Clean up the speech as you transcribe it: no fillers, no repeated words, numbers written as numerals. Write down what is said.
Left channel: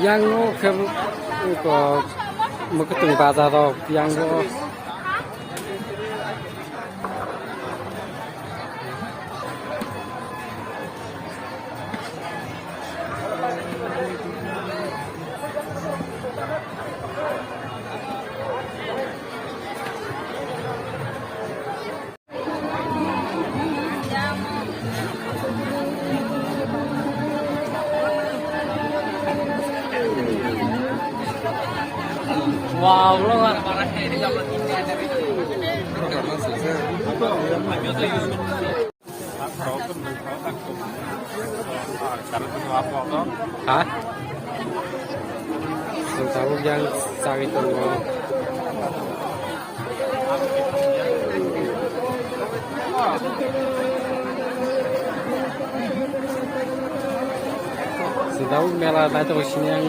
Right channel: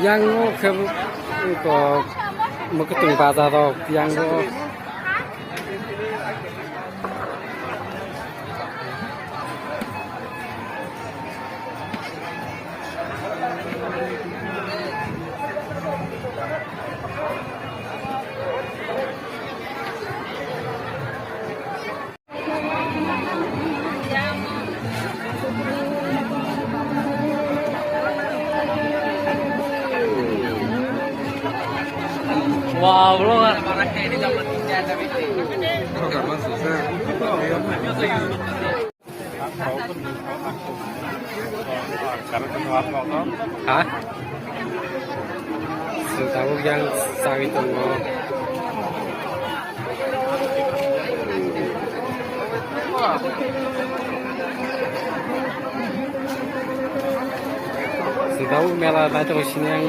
yang ke ketung bazar yang Wah, luar banget ini dapat ikan tapi itu. Hah? Tahu yang sang itu mau tahu mela terus ini yang